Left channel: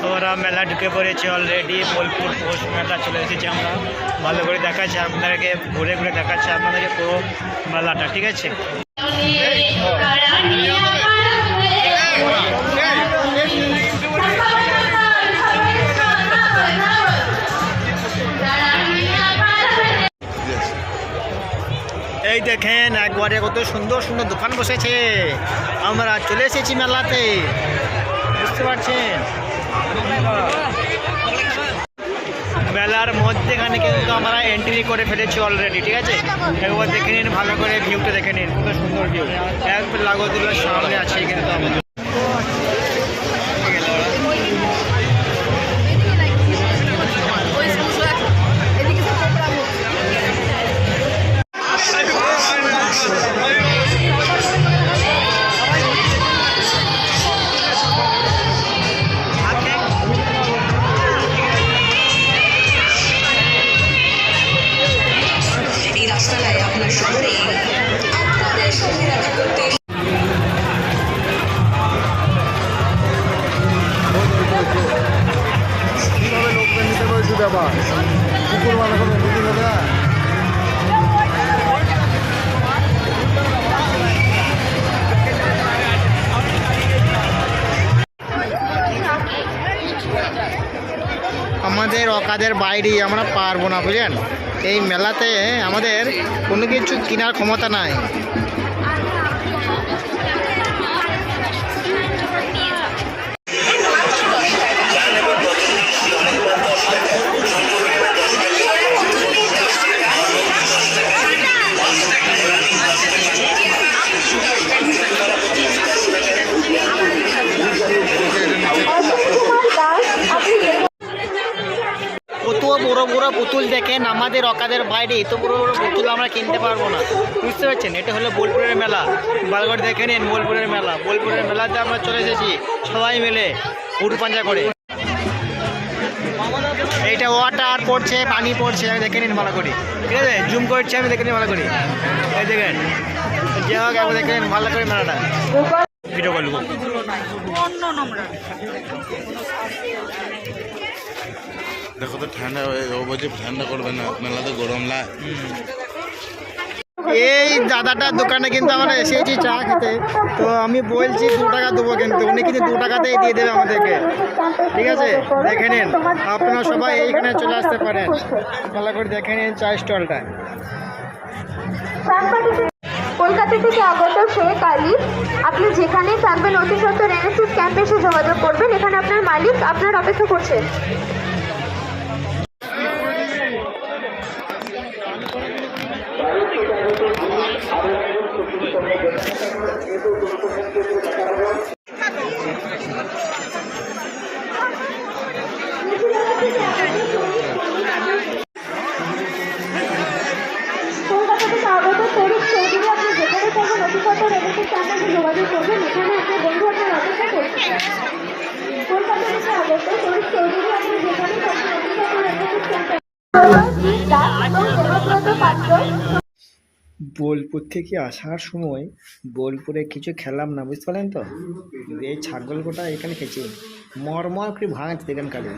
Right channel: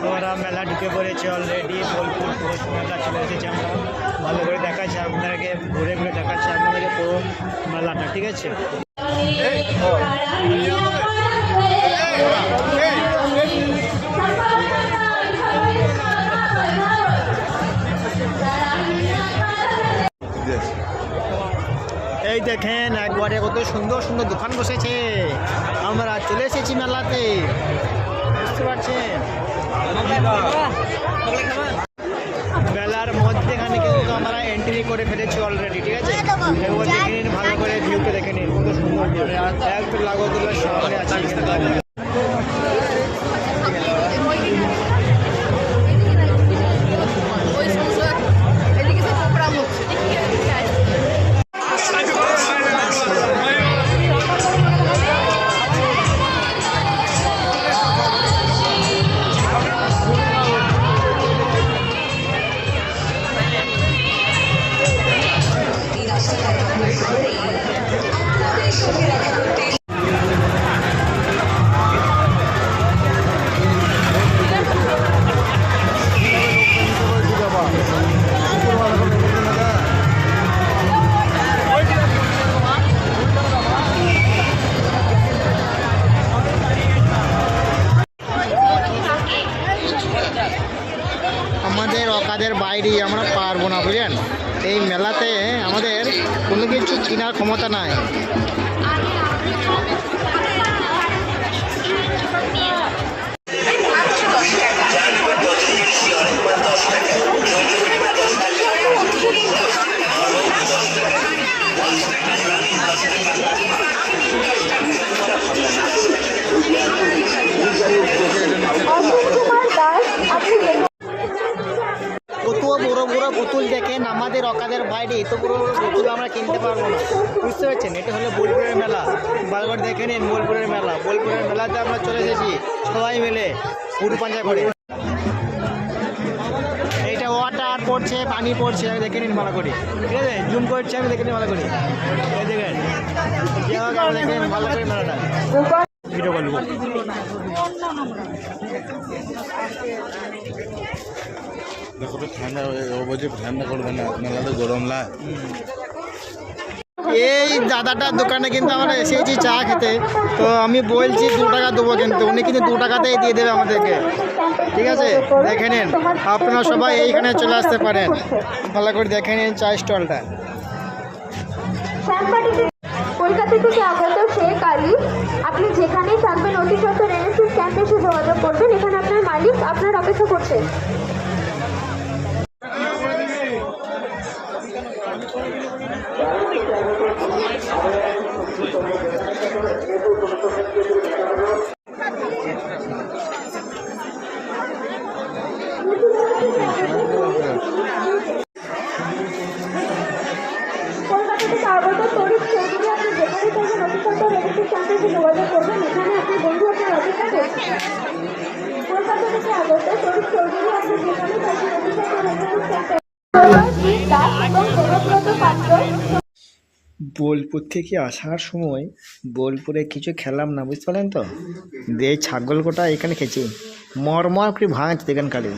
তো ওরা মেলা ঢুকে পড়েছে অলরেডি। বোলপুর পৌষ মেলা চলে এসেছি আমরা। ভালো করে দেখাচ্ছি আপনাদেরকে, ঘুরে ঘুরে দেখাচ্ছি আপনাদেরকে পুরো মেলাটা, ঠিক আছে। এই দেখেন একবারে কত সুন্দর সুন্দর দোকান বসেছে। আমরা চলে এসেছি মেলাতে, বুঝতে পারছেন। মেলার মধ্যেখানে কিন্তু আমরা এন্ট্রি করে ফেলেছি অলরেডি, ঠিক আছে। একবার দেখে নিন, ভালো করে ভিউটা দেখে নিন, কত সুন্দর ভিউ। একবার লাগোদুলার সামনে আছে কিন্তু আমরা। আমাদের অকাদের বাইরে আমরা পারবো না, বুঝলেন। এই মেলাতে আমাদের কোনো কিছু কেনার ক্ষমতা নাই। কত বড় বড় পুতুল দেখেন আমাদের অকাদের বাইরে, এত বড় বড় পুতুল আমরা কিনতে পারবো না, বুঝতে পারছেন। এটা হলো বোলপুরের মেলা। ভালো করে দেখে নিন বোলপুরের মেলা। বোলপুরের মেলাতে আমরা চলে এসেছি সবাই মিলে পুরু পাঞ্জা করে। এইটা ওয়াটার পড়ছে, পানি পড়ছে, আমি দেখে নিন ভালো করে, ঠিক আছে। জুম করছি আমি, দেখে নিন ভালো করে। এই দেখেন, যে হোক আমি দেখে নিন ভালো করে মেলাটা। ভিডিও করবো দেখো তো ঠান্ডা বলছে, ঠান্ডা করবে না, মেলাতে গরম লাগে। এই দাদাটার দোকানে কিন্তু আমরা এসেছি চা খেতে। তো আমি বলছি 2 টাকা দেবো, কিন্তু উনি কিন্তু 2 টাকাতেই দিয়ে দেবে আমাদেরকে, ঠিক আছে। দেখে নিন, আপনারা সবাই এইখানে চলে আসতে পারেন। ভালো করে দেখে নিন চা স্টলটা। কলকাতা থেকে আগত শেখ আলী, আপনি যেখানে থাকবেন অতি সত্তর এনএসএস ক্যাম্পে এসে যোগাযোগ করবেন। এখানে আপনার মালিক আপনার অপেক্ষা করছে। কলকাতা থেকে আগত তরিক চৌধুরী, আপনি যেখানে থাকবেন অতি সত্তর এনএসএস ক্যাম্পে এসে যোগাযোগ করবেন। এখানে আপনার বন্ধু আপনার অপেক্ষা করছে। কলকাতা থেকে আগত তরিক চৌধুরী, আপনি যেখানে থাকবেন অতি সত্তর এনএসএস ক্যাম্পে। বোলপুর থেকে আসার সময় বোলপুরে কিছু খেলাম না, বুঝতে পারলেন তো। এই ছাগল গোটা এখানে খেয়েছি, মরমর করে ভাঙছে, দেখেন কালে।